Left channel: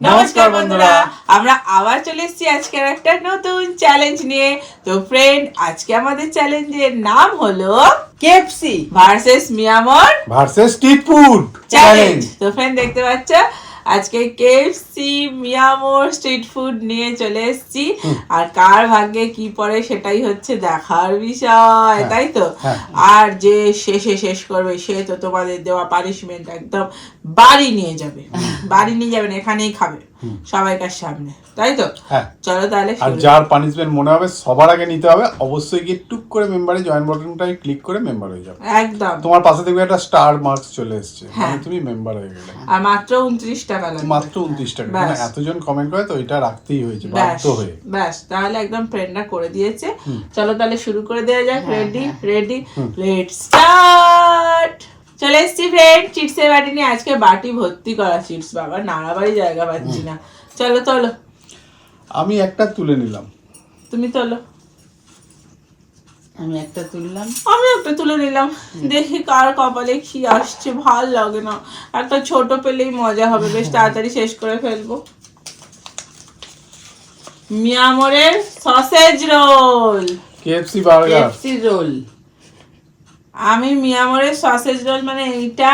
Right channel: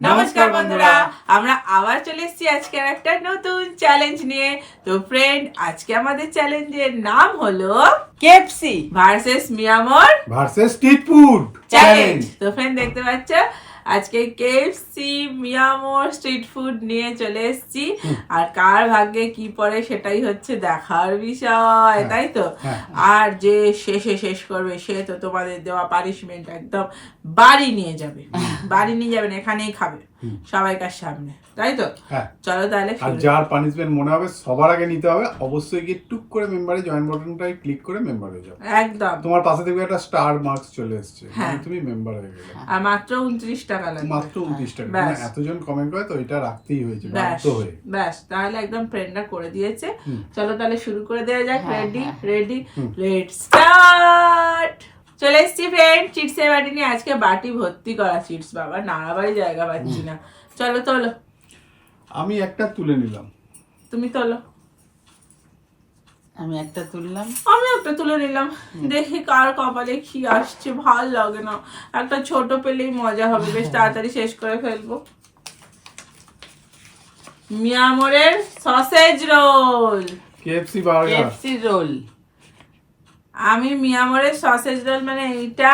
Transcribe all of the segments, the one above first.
নমস্কার বন্ধুরা, আমরা আবার চলে এসেছি আজকের একটা নতুন চ্যালেঞ্জ নিয়ে। তো ফ্রেন্ড, আজকে আমাদের চ্যালেঞ্জের নাম হলো KFC versus Mio Amore versus street food challenge. তো ফ্রেন্ড, দেখতে পাচ্ছ আজকে কেএফসি মিয়ামর স্ট্রিট ফুড নিয়ে চলে এসেছি। আর কার ভাগ্যে কি পড়ে সেটাই হচ্ছে দেখার বিষয়, তাই তো? আর যে শেষ করবে সে তো তোমাদের দেওয়া পানিশমেন্ট একদম বাড়ি নিয়ে যাবে। বাড়ি নিয়ে যাবেন, এখানেই খাবে সবাইকার সামনে, তাই তো? হ্যাঁ। চলো তাহলে আর যার পানিশমেন্ট মনে হবে সবার আগে নিতে হবে, অবশ্যই গিয়ে টুক করে মেম্বারে জয়েন বাটনটায় ক্লিক করে মেম্বার হয়ে যাবে। একদম। তোমার পাশে দেখবে একটা স্টার মার্কস চলে এসেছে, মানে তুমি মেম্বার হয়ে গেলে। আর মাত্র 29 টাকা লাগবে, মাত্র 29 টাকা। মানে এতজন কমেন্ট করে তো এটা রাখতেই হয়েছে বাধ্য হয়ে। ব্যাস, তাহলে একদম ফ্রেন্ডরা করে দিয়েছে। চলো তাহলে শুরু করে দেওয়া যাক। Ready let's start. চলে এসছি ফ্রেন্ড চিপসের বাটি নিয়ে। আজকে বাটি ভর্তি করা চিপস, বাবা নাড়াবাড়ি জায়গা পাচ্ছি না। চলো তোলো। আমি একটা তুলে নিলাম, তুমি তোলো। আমি একটা তুললাম, আমি একটা তুলে নিলাম। দেখি কার কপালে কি আসছে, ভাল লাগে না। একটা ছোট পেলেই মজা হবে, বেশ তাড়াতাড়ি শেষ করে ফেলবো। মিয়ামরের sausage roll, KFC burger. KFC roll. আমি মিয়ামরের সসেজ রোল মানে এইটা,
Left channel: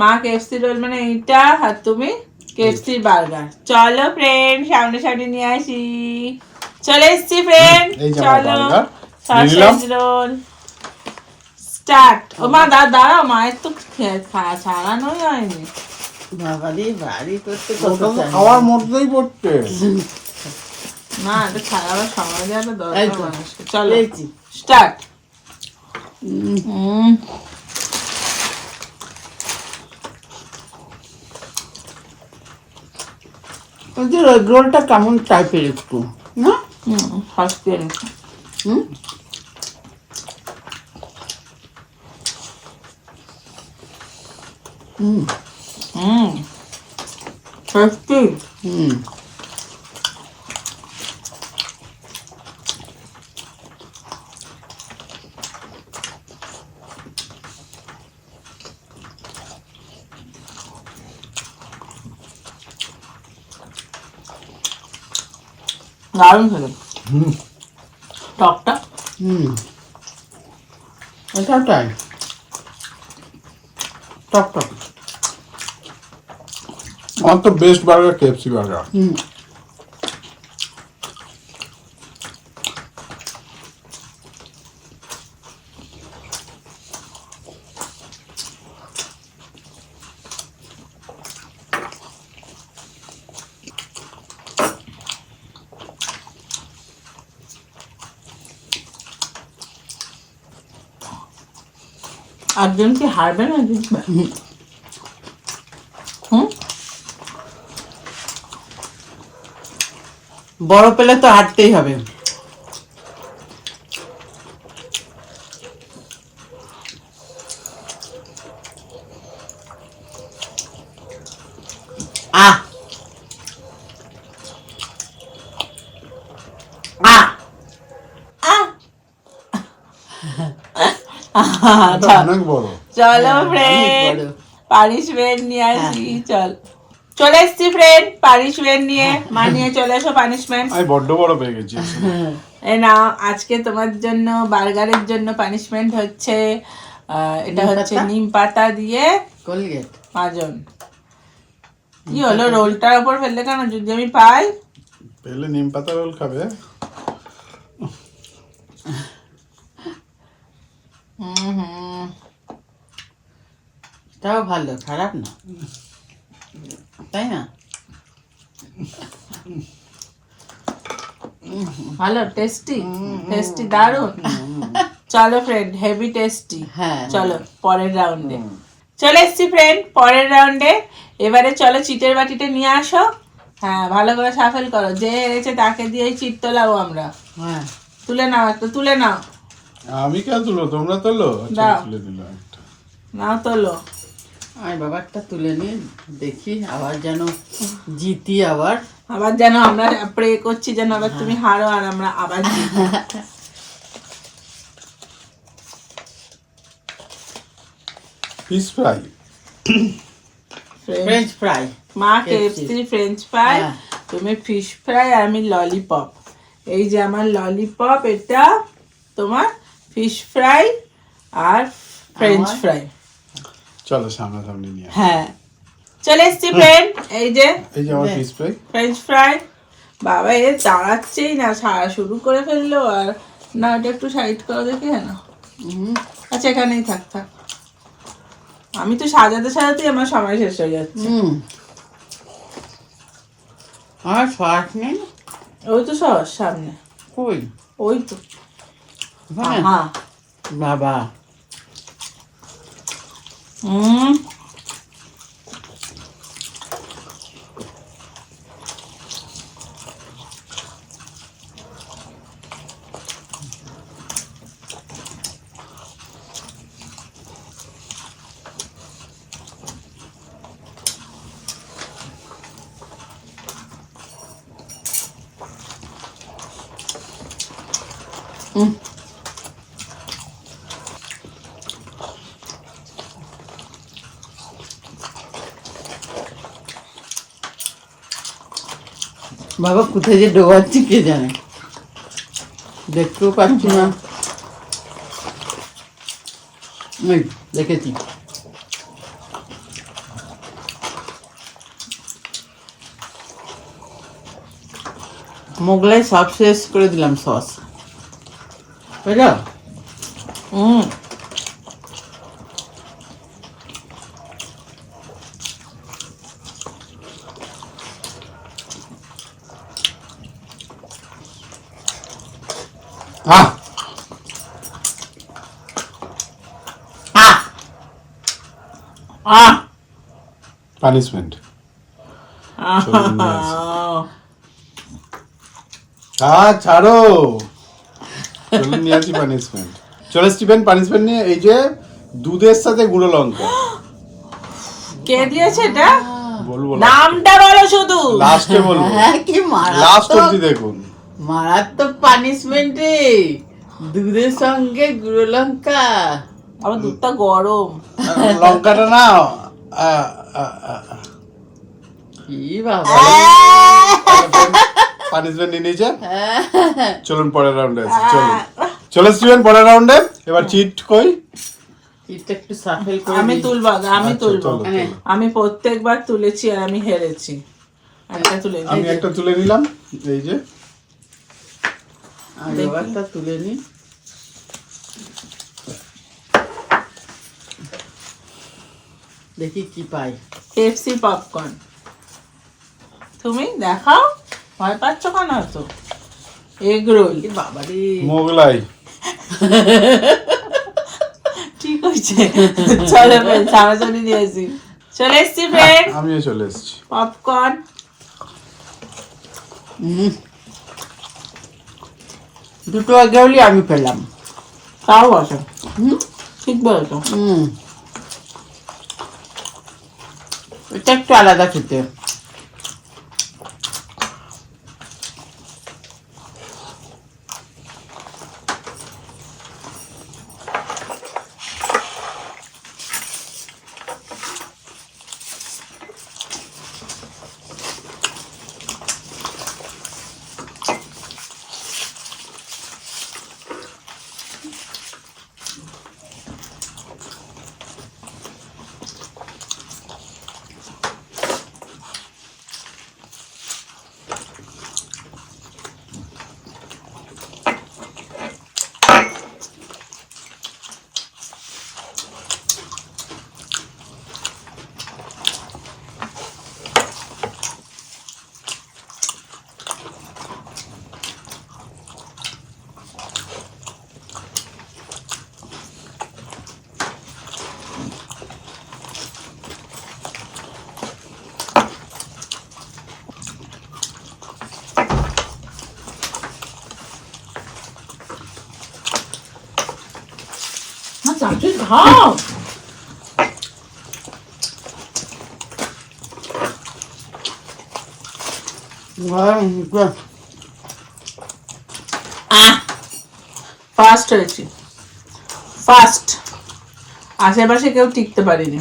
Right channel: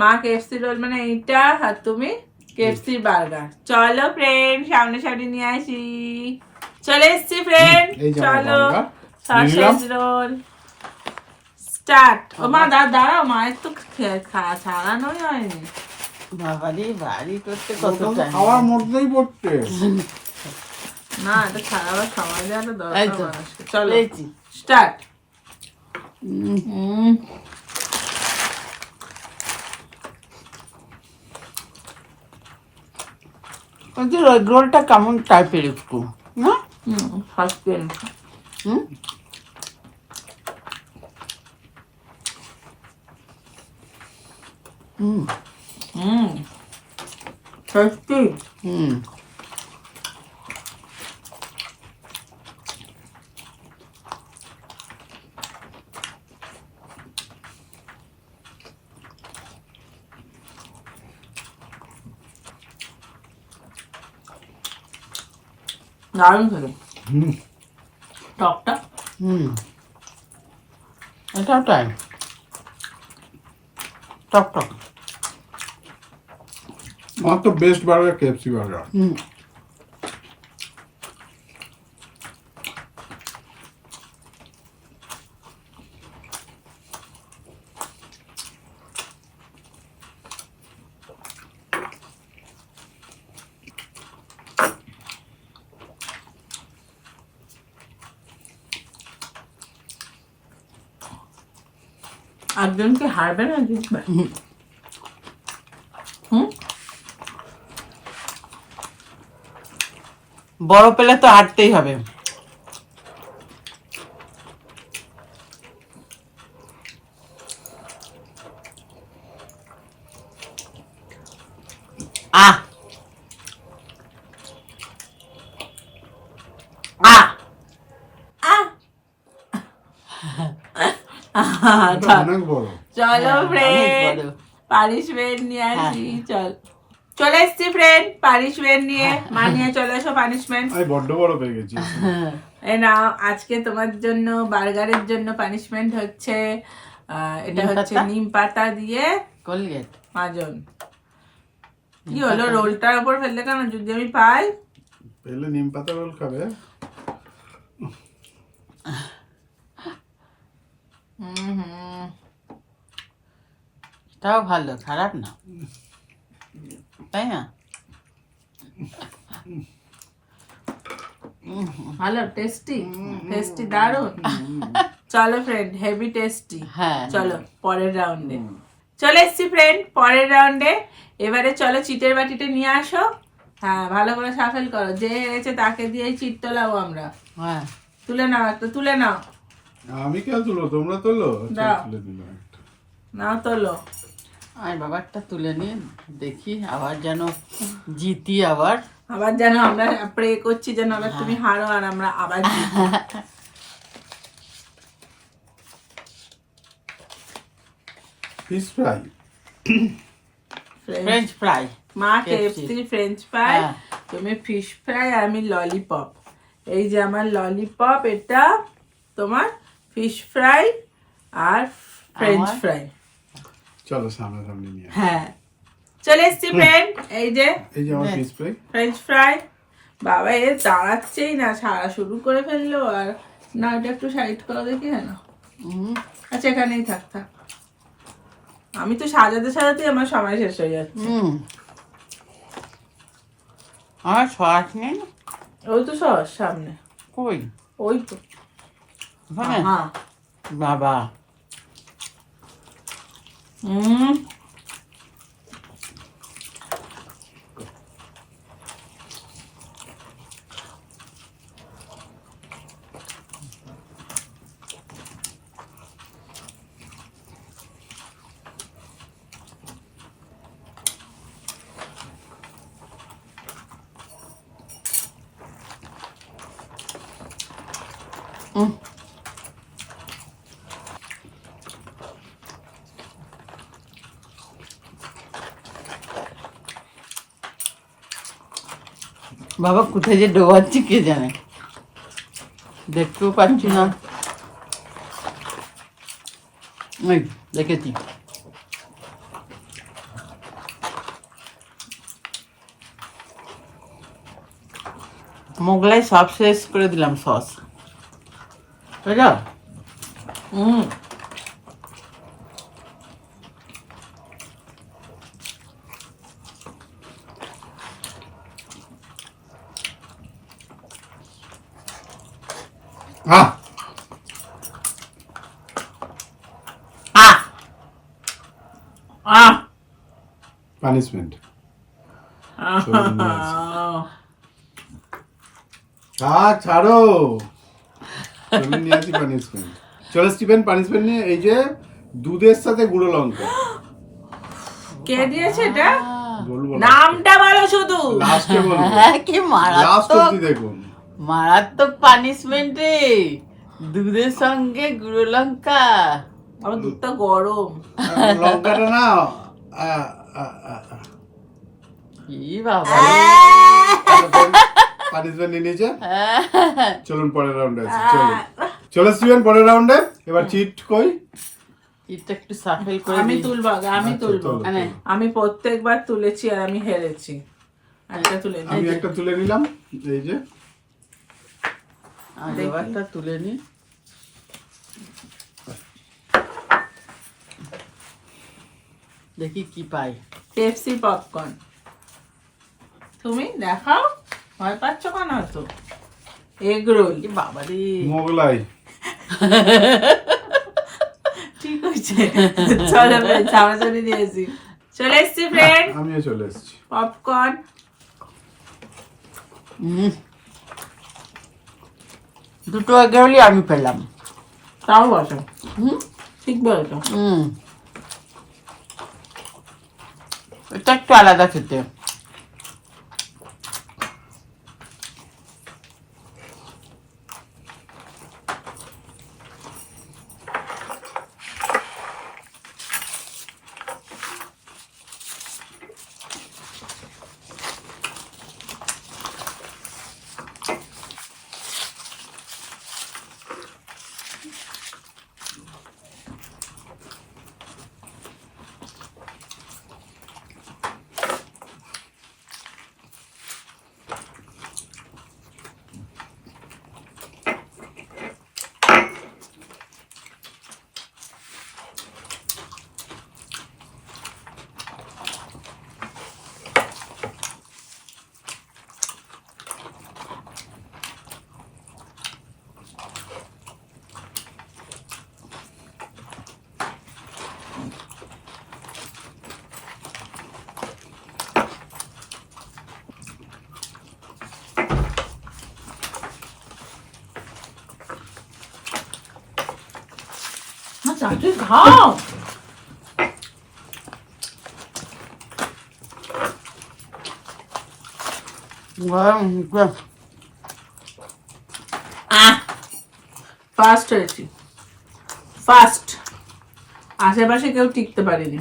মা কেএফসি রোল মানে এইটা, আর তুমি কেএফসি বার্গার। চলো ফ্রেন্ড, সামনে নিয়ে আসি। চলে এসছি ফ্রেন্ড, এই যে আমার চলো বার্গার। Sausage roll start. ও মা দাঁড়াও, মায়ের তো ছাড়ানোই হয়নি। বাবারে বাড়ি করতে কত time। খাওয়ার মধ্যেই পড়তে। না, এটা ছাড়াবার সময় দেওয়া তো এই দরকার তো, মানুষকে। চলো পেয়েছি। স্টার্ট। ওদের এগ রোলটা কেমন টাইপের একটু, না? ফার্স্ট হুম, সত্যি হুম, দারুণ খেলো। টকটা হুম, এটাও তাই, টক টক। আমার তো বেস্ট বার্গার কেএফসি বার্গার। হুম, একজন কি হারবে না জিতবে? বড় পেলে তো হাঁটতেই হবে। আহ আহ অনেক বড়। চলো অনেক ফ্রেন্ড, বড়। পানিশমেন্ট নিয়ে আসি। চলে এসছি ফ্রেন্ড পানিশমেন্ট নিয়ে। মা নিয়ে চলে এসো পানিশমেন্ট। আমি বড্ড বড় পেয়ে গেছি। এই নাও, আজকে তোমার জন্য বার্গারের জন্য পানিশমেন্ট হচ্ছে এটা নিম হচ্ছে পাতা? নিম পাতা দিয়ে কোলগেট। মাজন। কি হলো, রোলটার ওপর ফেললে কেন? যদি আমি পাই। পেলে নিম পাতা রোল খাবে। এটাও ভালো, খারাপ না, তাই না? ভালো, টেস্টি দারুন। চলো ফ্রেন্ড, হেভি টেস্টি। হ্যাঁ, চলো পরের রাউন্ডে চলে এসছি ফ্রেন্ড। পরের রাউন্ডে এবারে চলো চিটের বাটিটা নিয়ে আসো। হ্যাঁ, ভালো করে সাফেল করো। যে হেরেছে তাকে দিয়ে চিট তোলাবো আমরা। হ্যাঁ, তুলে নাও, একটা তুলে নাও। আমি কেন তুলো, তোমরা তোলো। আচ্ছা, দাও। তুলে দিলাম একটা। নাও তোলো। আমি বাবারটা তুলে নিয়ে দেখি আবার যেন জিতি। আবার যেন আমরা প্রে করছি যেন আবার তুমি হারো আর আমরা আবার জিতি। Fish fry. French fry. মা KFC কেএফসি ফ্রেঞ্চ ফ্রাই, হ্যাঁ। তুমি ফিশ ফ্রাই, আর আমি ললিপপ। এই যে আমার ললিপপ, এটা তোমার ফিশ ফ্রাই আর ফ্রেঞ্চ আমার? ফ্রাই। চলো সামনাসামনি নিয়ে আসি। হ্যাঁ, চলে এসছি ফ্রেন্ড। এই যে এই যে আমার ফিশ ফ্রাই। French fry. বাবা এ দাঁড়াচ্ছেই না, ছাড়া শুরু করে ফেললো। আর না, এটা একটু সাইড করো দেখি। হ্যাঁ না, আচ্ছা এখানেই থাক থাক। আমি তো সাজাতে সাজাতেই আমার সময় শেষ হয়ে যাচ্ছে। আর সস নেই? ওই তো সস সামনে, কই? ওই তো। ওখানে? হ্যাঁ। বাবা, হুম, বাবা কোথায় যে ডোবাচ্ছি কে জানে, দেখতেও পাচ্ছি না। এই দেখেছি। মোগলাই সব শেষ করে দিলাম সস, বুঝলো? হুম। আহ আহ আহ পানিশমেন্ট। আহ চলুন নিয়ে আসি। ছাড়ো, চলুন নিয়ে আসি পানিশমেন্ট। চলো স্টিফেন, পানিশমেন্ট নিয়ে। এই যে দুধের সাথে গুঁড়ো লঙ্কা। কে দিয়েছে এটা? বলবো নামটা বলো শুধু। লাস্টে বলবো, হ্যাঁ, কি লাস্ট মারাত্মক অবধি দেখুন। মারাত্মক পানিশমেন্ট রে, দুধের সঙ্গে গুঁড়ো লঙ্কা। আমার দুধটা গরম। লঙ্কাটা না কি বাবা, পানিশমেন্ট নিয়ে নিয়েছে। চলুন পরের রাউন্ডে আছি। চলুন, চলো স্টিফেন পরের রাউন্ডে। এবার চিট কই? এটা একটু সাফেল করে আমি দিই। তুলবো আগে, আমি আচ্ছা, তুলবো। চলো, হ্যাঁ। চলো। আমি প্রত্যেকবার তুলেছি আর আমি হেরেছি। একটা তুলে আমি নিই। একটা তুলে নিলাম। এই যে আমি ব্যাপারটা তুলে নিই। দেখি কি পাই। Pepsi popcorn. তুমি দেখাও, ভয় পাচ্ছ কেন তো? Egg roll. বাবা রে, মোগলাই। ঠিক হয়েছে। চলো ফ্রেন্ড, সামনাসামনি দিয়েছি। চলে এসছি ফ্রেন্ড। আমিও চলে এসেছি। পপকর্ন। দুটো আগে হলে আমি পেলাম। তাও বসো, হুম ঠিক বলেছো। হুম, এটা একটু আলাদা খেতে। চাচু খাও। ফার্স্ট হয়েছি, ফার্স্ট। আশেপাশে কেউ টিকতে পারিনি।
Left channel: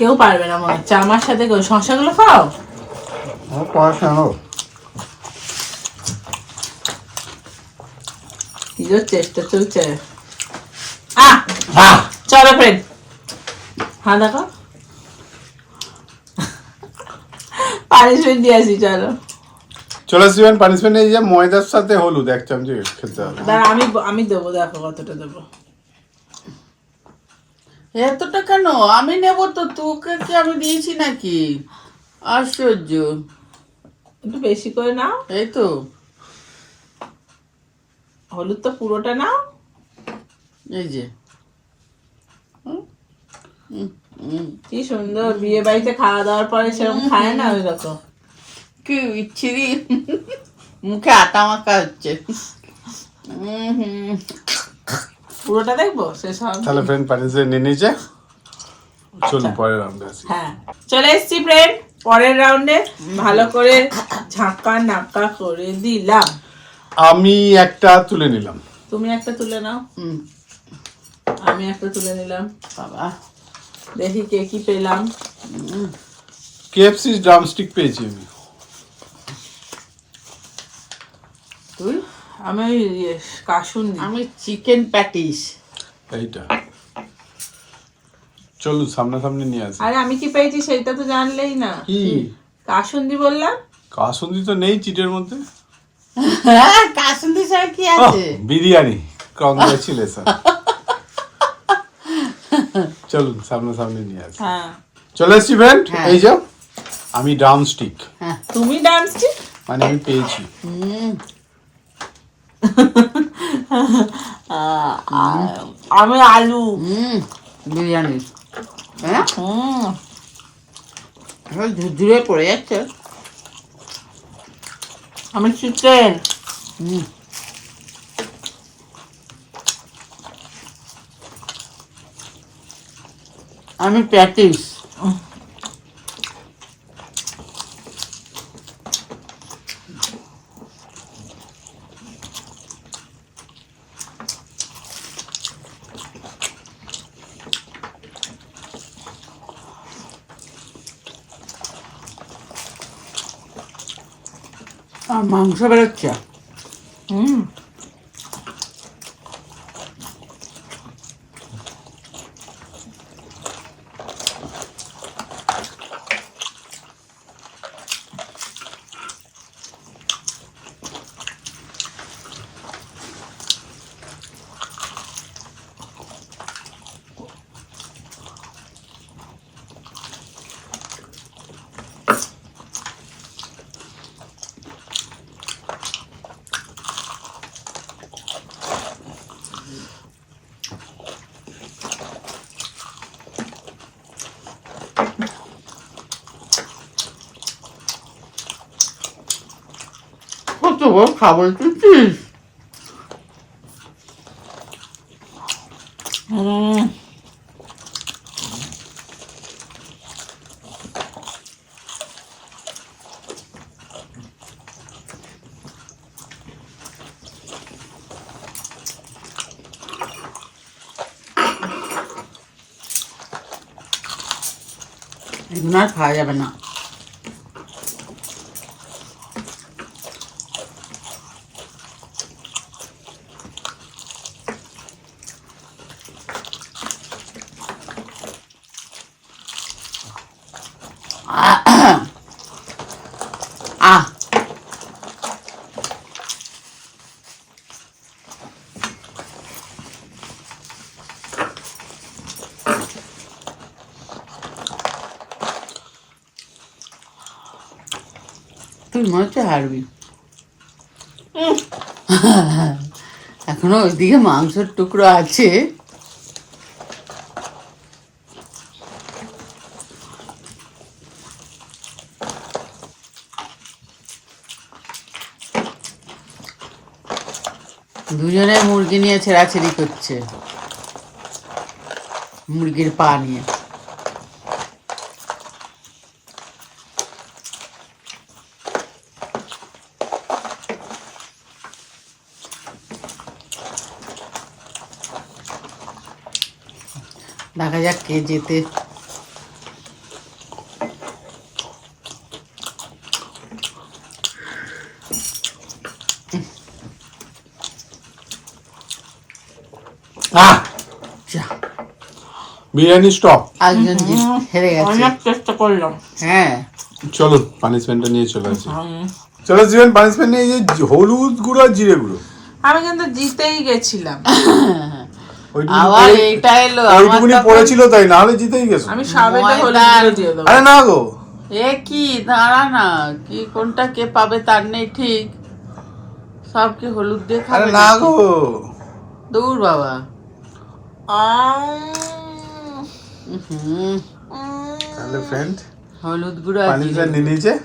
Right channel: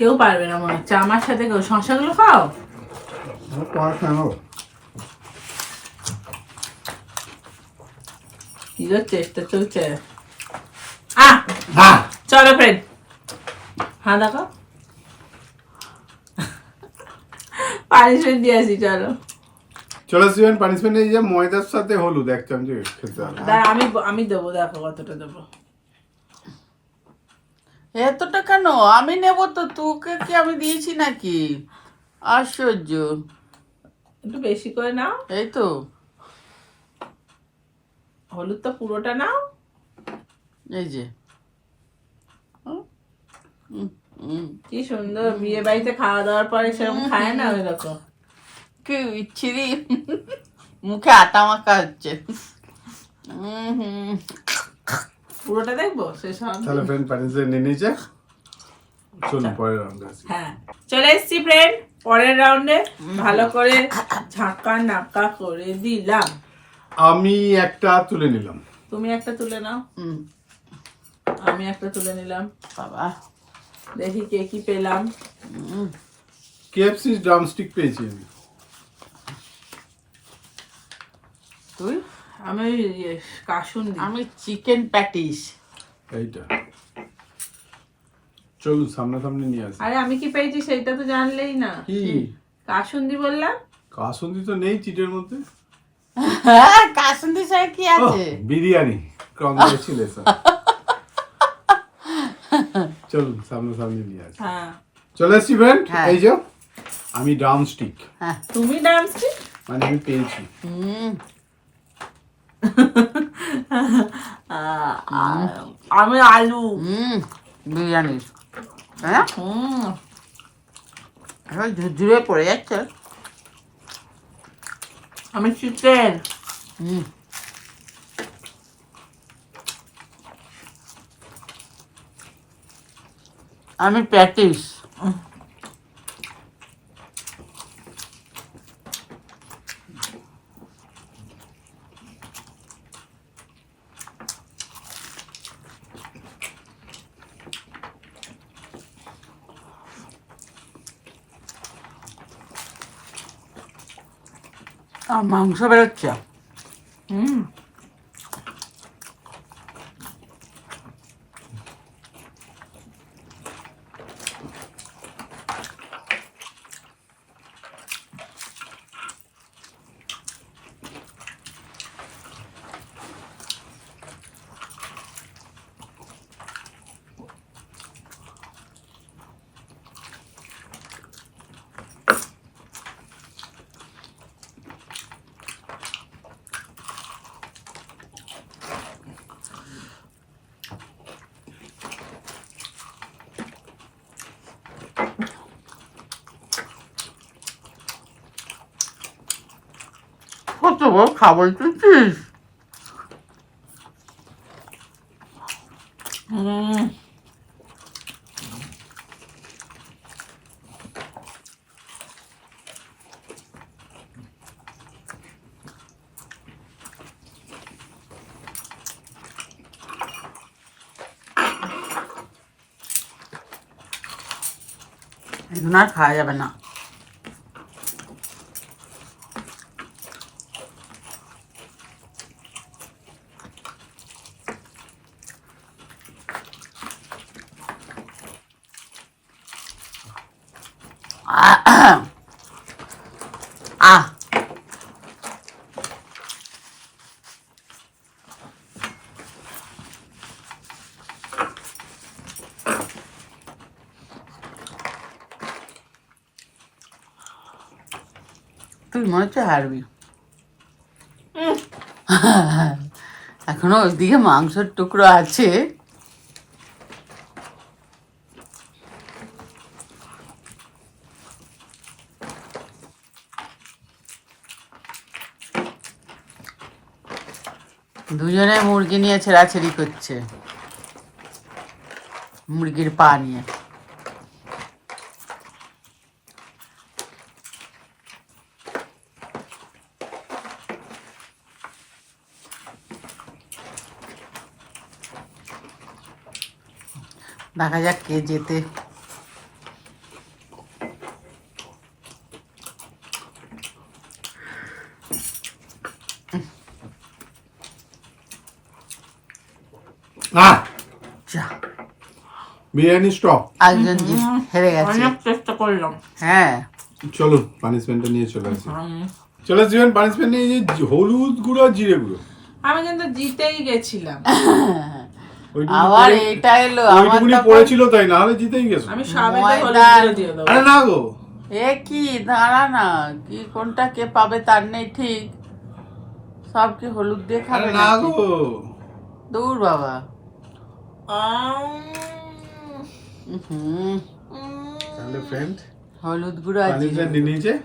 কেউ পারবে না মনে হচ্ছে আমার সাথে। কেউ শশাগুলো খাও। পড়াশোনা কি যে চেষ্টা চলছে। চলো ফ্রেন্ড, হ্যাঁ দেখো পানিশমেন্ট দিয়ে আসি। চলো চলে আসবেন পানিশমেন্ট। এই যে ময়দার সাথে হলুদ 1 চামচ খেতে হবে। দাঁড়া, আমি দেবো, দেখো কতটা দেবো। এতটা কেন? আমি নেব তো, তোকে কি আমি দিয়েছি নাকি? আশ্চর্য। একটু বেশি করে নাও। এই তো হলুদ তো পুরোটা নাও। এই যে কি সুন্দর, বিয়ে বাড়িতে খাওয়া দাওয়ার পরে সেরকম খায় না ওই রকম। কি বিচ্ছিরি, মুখে আটা মাখা হচ্ছে। পুরোটা দেখবো শেষ হবে। তাহলে ফ্রেন্ড পানিশমেন্ট নিয়ে নিয়েছে। চলুন পরের রাউন্ডে আসি। হ্যাঁ চলে এসছি ফ্রেন্ড পরের রাউন্ডে। ভালো করে ঝাঁকা নাকা করে দিলাম। আমি একটা তুলে নিলাম। তুমি একটা তুলে নাও, আমি একটা তুলে নিলাম। বাবা, দেখি কে কি পেলাম। কেএফসি ড্রামস্টিক পেয়েছি আমি। তুই? আমি কাসুন্দি। আমি চিকেন প্যাটিস। এইটা চলুন সামনাসামনি নিয়ে আসি। আরে আমি কি পেয়েছি সেটা তো জানলেই না। কি কাসুন্দি বললাম। কাসুন্দি তো নেই চিটের মধ্যে। হ্যাঁ, কাসুন্দি ছাড়া কি আছে? বিরিয়ানি। কংগ্রেচুলেশন। চলুন সামনাসামনি নিয়ে আসি। হ্যাঁ চলে এসছি ফ্রেন্ড। হ্যাঁ। এই যে আমি ড্রামস্টিক, হ্যাঁ। তুমি ডান্সটি। মানে আমি পেয়েছি। আমি আলু। বিরিয়ানি। হ্যাঁ, হুম ঝুরঝুরে পড়ে যাচ্ছে। আমি চিকেন। আমি প্যাটিস। আর মাংস বেরোচ্ছে। হুম কত বড় খাবার তুলছিস? এগুলো আর খাওয়া যাবে না। আহ, তুই মনে হচ্ছে হারবি। এখনো ওইদিকে মাংসের টুকরো আছে। দুজনে মুরগি নিয়ে ছেঁড়াছেড়ি করছে, মুরগির পা নিয়ে। দেখা যাক কে জেতে। আহ যা, বিরিয়ানি স্টপ। একজন হেরে গেছে। অনেক চেষ্টা করলাম। হ্যাঁ, চলো পানিশমেন্টটা নিয়ে চলে আসি। চলে আসবেন পানিশমেন্ট নিয়ে, এই যে হলুদ গুঁড়ো আর জিরে গুঁড়ো আমি কিন্তু জিতেই গেছিলাম। ওইটুকুনি আবার পড়ে- এইটা এলো আমার ওইটুকুনি তখন। পড়েছিল তাই, না হলে জিতেই গেছো। আমি সাবেতে হলুদ ময়দার- গুঁড়ো দিয়ে দেবো। আরে না গো, এ কি দাঁড়া না, কি কোনটা কে পাবে তার নেই ঠিক, সব কি হলুদ দিয়ে আরে খাবে না নাকি? গো। দূর বাবা। আম, হুম, তাহলে ফ্রেন্ড হলুদ গুঁড়ো আর জিরে পানিশমেন্ট নিয়ে নিয়েছে।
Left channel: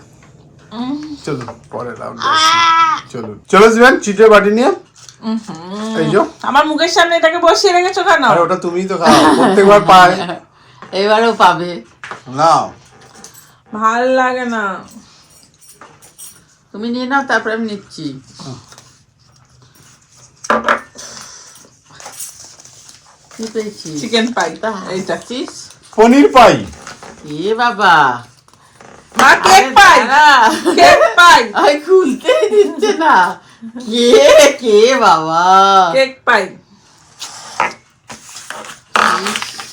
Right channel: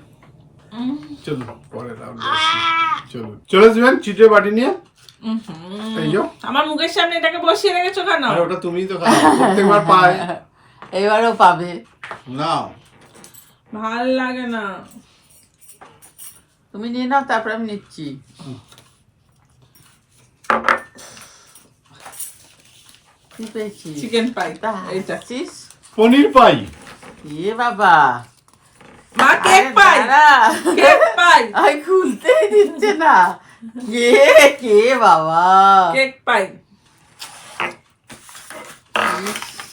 উম, চলো পরে রাউন্ড চলো চলে আসবেন চিটের বাটি নিয়ে। এই যে, আমার মুখের সামনে এটাকে বসিয়ে রেখেছো কেন? আরে ওটা তুমিই তো খাও, প্রত্যেকবার পায়। এবারেও পাবে। না ভাল লাগে না। তুমি নিয়ে নাও, তারপর আমি নিচ্ছি। কি পেয়েছি? চিকেন পাই তা এইটা। চিস। পনির পাই। এ বাবা, মা কেক আরে পাই, দাঁড়া। কেক পাই, আই খুলতেই দিচ্ছে না। কে কে বাবা, কেক পাই।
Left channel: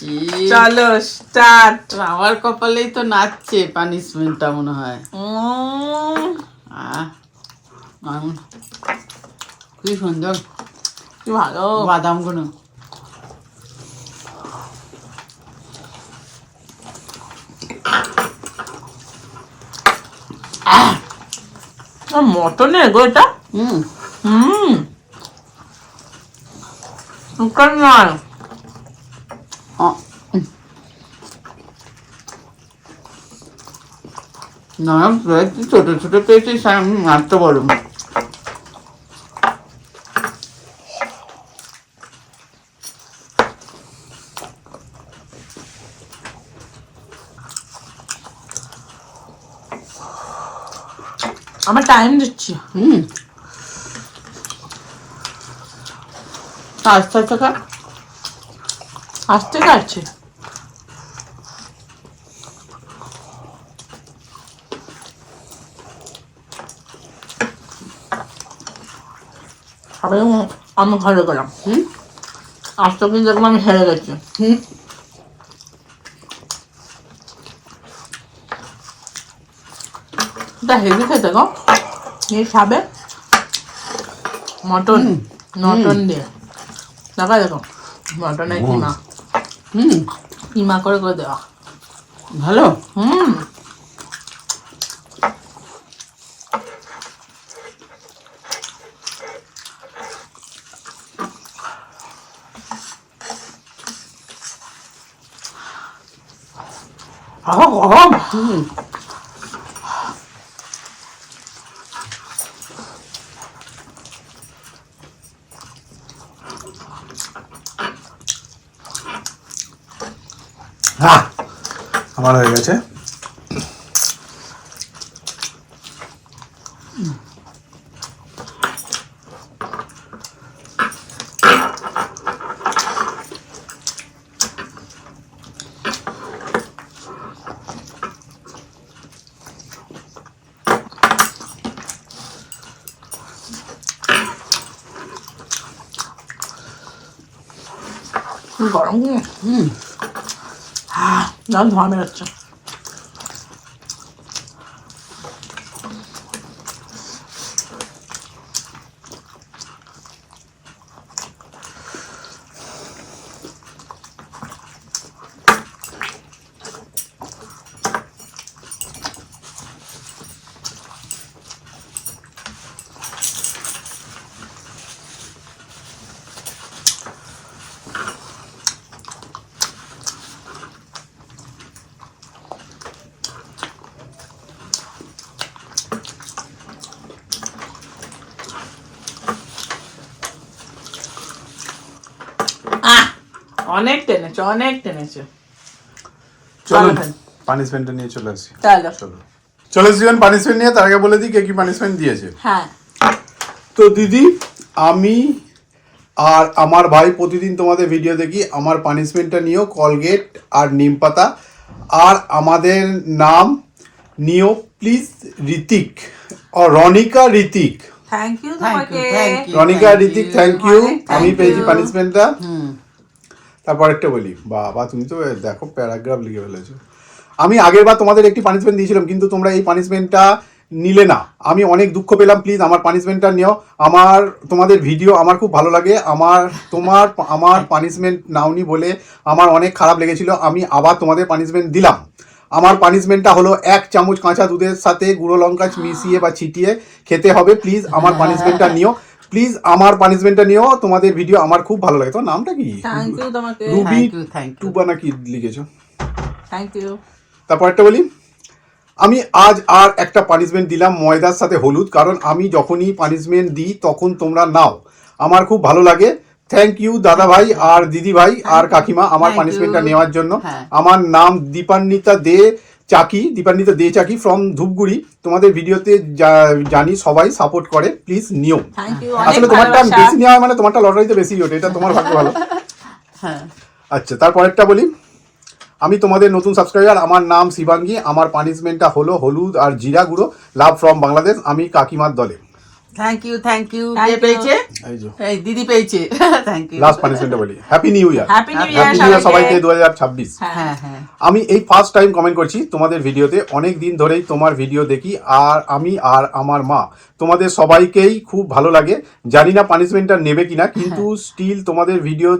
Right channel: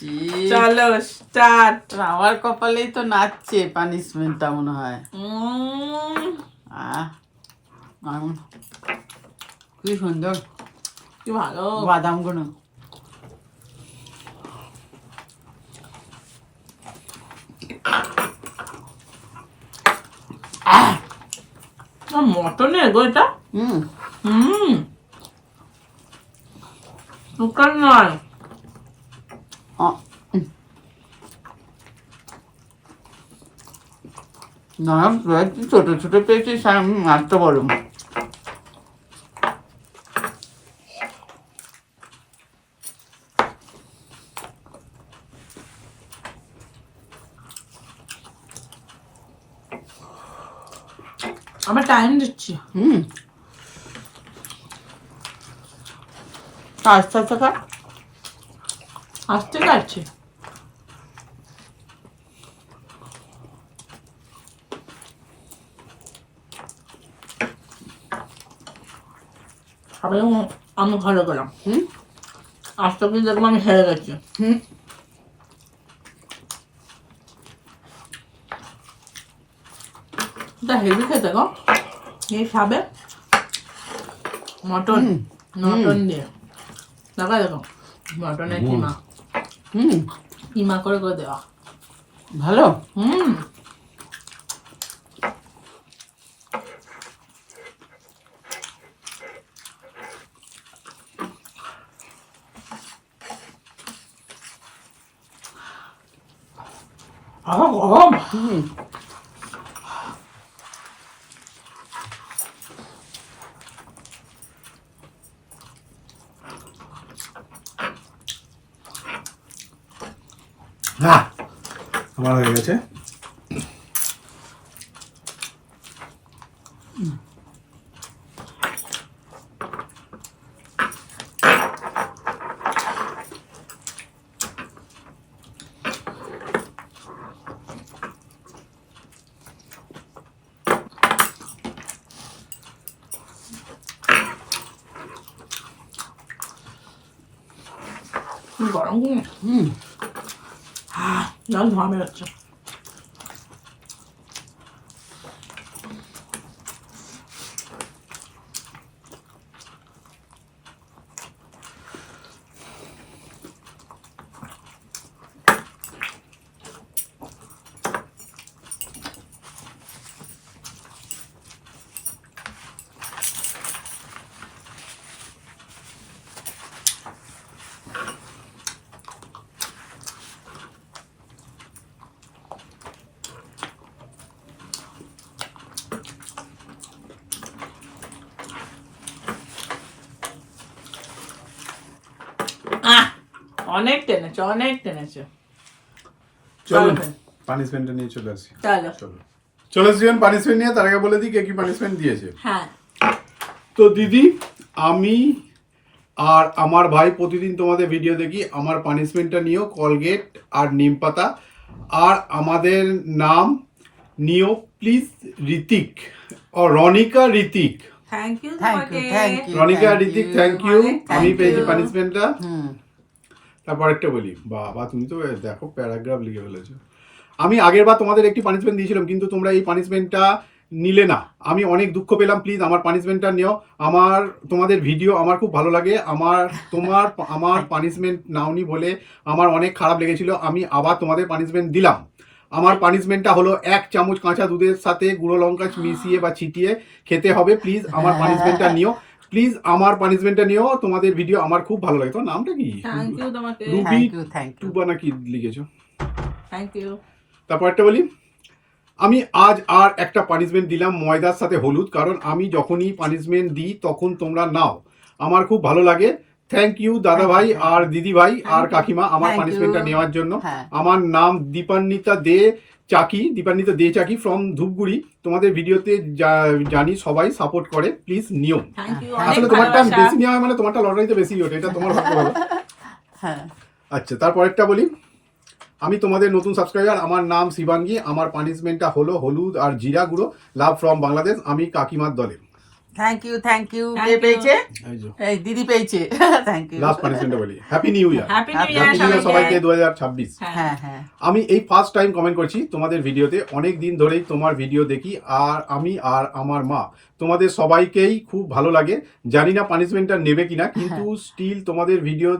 ইসি। চলো স্টার্ট। আমার কপালেই তো নাচছে পানিশমেন্টটা মনে হয়। আহ, কি সুন্দর কি ভালো। বাদাম গুলো। মটনের গো এটা। হুম, চিকেন নয়। আ- না পেয়েছি, ছোট ছোট পেয়েছি, মারতে বলো। আমার টাইম দিচ্ছি। হুম, আস্তে আস্তে খা। আসতে কাটছে। আমি হেরে গেলাম। হুম, আজকে কিন্তু দেখলাম আমি হেরে গেছি। হুম, এটা হেভি খেতে গো। এই খাবে মটন, মটন দিয়ে। দেখা দেখো মটনের কিমা, হুম, কিমা করে করে দেওয়া। ভালো। হুম, গরম। হুম, হ্যাঁ আমার হয়ে গেছে। কি গরম। হুম, জল ধোয়া বেরোচ্ছে। অনেক টেনেছে, অনেক টেনেছে। চলো চলো friend। পানিশমেন্টটা নিয়ে চলে আসি। চলো। চলো চলে আসবেন পানিশমেন্ট নিয়ে। তার আগে বলে দিই কে কি পানিশমেন্ট দিয়েছে। হ্যাঁ, তো দিদি, আমি আর আমার ভাই প্রতিদিন তোমাদের ভিডিও দেখি। আমার পানিশমেন্টটা নিও কলগেট আর নিম পাতা। আর আমাদের নাম নিও প্লিজ ঋতিক ও Ronika Hrithik. Thank you Thank তোমাকে you, thank you. Ronika Hrithik thank you অনেক thank আমি পেয়েছি you. পানিশমেন্টটা হুম তারপরেরটা বলি বাবা তুমি তো দেখো প্যারাগ্রাফ লিখে ফেলেছো আমি আগের বার তোমাদের একটি পানিশমেন্ট দিয়েছিলাম কিন্তু তোমরা এই পানিশমেন্টটা নিলে না আমি অনেক দুঃখ পেলাম প্লিজ আমার পানিশমেন্টটা নিও আমার তোমাদের ভিডিও আমার খুব ভালো লাগে আমার পানিশমেন্ট নাওনি বলে আমার অনেক খারাপ লেগেছিল আমি আবার তোমাদের পানিশমেন্ট দিলাম আমার পানিশমেন্টটা হলো 1 চামচ কাঁচা দুধের সাথে গুঁড়ো লঙ্কা মিশিয়ে বা ছিটিয়ে খেতে হবে প্লিজ আমার পানিশমেন্টটা নিও প্লিজ আমার পানিশমেন্টটা নিও তোমাদের ভিডিও আমার খুব ভালো লাগে তোমার নামটা কি থ্যাংক ইউ তোমাকে রুবি থ্যাংক ইউ টুবা নাকি লিখেছো থ্যাংক ইউ তারপর একটা বলি আমি আজ আর একটা পানিশমেন্ট দিলাম ময়দার সাথে হলুদ কারণ আমি যখনই পানিশমেন্ট দিই তখন তোমরা নাও আমার খুব ভালো লাগে থ্যাংক ইউ দাদা ভাই আর দিদি ভাই আর কাকিমা আমার Thank পানিশমেন্টটা you. নেওয়ার জন্য হ্যাঁ। আমার নাম দীপান্বিতা দে চাকি ফ্রম ধূপগুড়ি তোমাদের ভিডিওতে জানি সবাই সাপোর্ট করে প্লিজ নিও থ্যাংক ইউ অনেক আসলে তোমারটা ভালোবাসা বেশি নেওয়া মানে তোমারটা লটারিতে বেশি ওঠে এটা তোমার ভাগ্য ভালো হ্যাঁ আচ্ছা তারপরেরটা বলি আমি তোমাদের নতুন সাবস্ক্রাইবার আমার নাম শিবাঙ্গী আমার পানিশমেন্টটা হলো হলুদ আর জিরা গুঁড়ো লাভ ফ্রম বাংলাদেশ আমি কাকিমার দলে থ্যাংক ইউ কে Thank you. পেয়েছে এই যে এই দিদি পেয়েছে থ্যাংক ইউ লাস্ট পানিশমেন্টটা বলি happy new year happy new happy new year সবাইকে 2026 হ্যাঁ হ্যাঁ আমি এই ফার্স্ট টাইম কমেন্ট করছি তোমাদের ভিডিওতে অনেক দিন ধরেই তোমার ভিডিও দেখি আর আমি আর আমার মা তোমাদের সবাইকেই খুব ভালো লাগে জানি না পানিশমেন্টটা নেবে কিনা কিন্তু স্টিল তোমাদের ভিডিও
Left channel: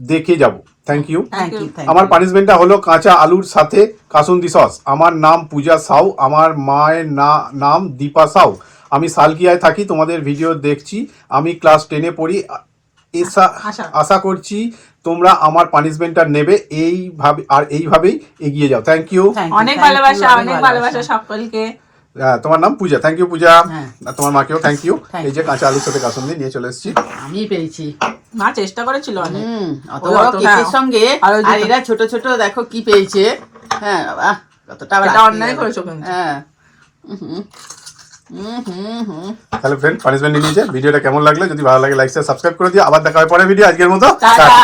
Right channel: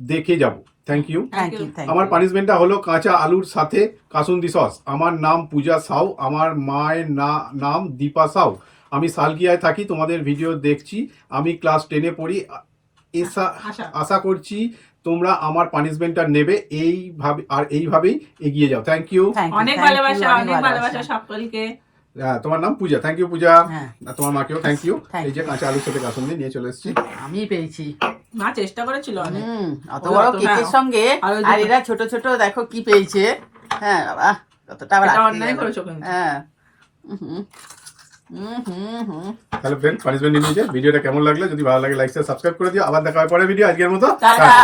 দেখে যাব থ্যাংক ইউ থ্যাংক ইউ আমার পানিশমেন্টটা হলো কাঁচা আলুর সাথে কাসুন্দি সস আমার নাম পূজা সাউ আমার মায়ের নাম দীপা সাউ আমি সালকিয়ায় থাকি তোমাদের ভিডিও দেখছি আমি ক্লাস 10-এ পড়ি আশা করছি তোমরা আমার পানিশমেন্টটা নেবে এইভাবেই এগিয়ে যাও থ্যাংক ইউ অনেক ভালোবাসা অনেক ভালোবাসা সকলকে তোমার নাম পূজা থ্যাংক ইউ পূজা হ্যাঁ। আর তোমার মাকেও থ্যাংক ইউ Thank এই যে কাঁচা আলুর সাথে কাসুন্দি নিয়ে চলে এসেছি আমি পেয়েছি মা চেষ্টা করেছিল অনেক অত ওই বড় অত- কেকের হ্যাঁ। সঙ্গে আর ওই আর দুটো- এরা ছোট ছোট দেখো কি পেয়েছে হ্যাঁ বাবা কতটা আবার এটা আটকে অন্যায় গেল। করেছো কিন্তু হ্যাঁ তাহলে ফ্রেন্ড পানিশমেন্ট নিয়ে নিয়েছে ভিডিওটা কেমন লাগলো যদি ভালো লাগে লাইক শেয়ার সাবস্ক্রাইব করে দিও আবার দেখা হবে পরের ভিডিও আজকের মতো টাটা। টাটা।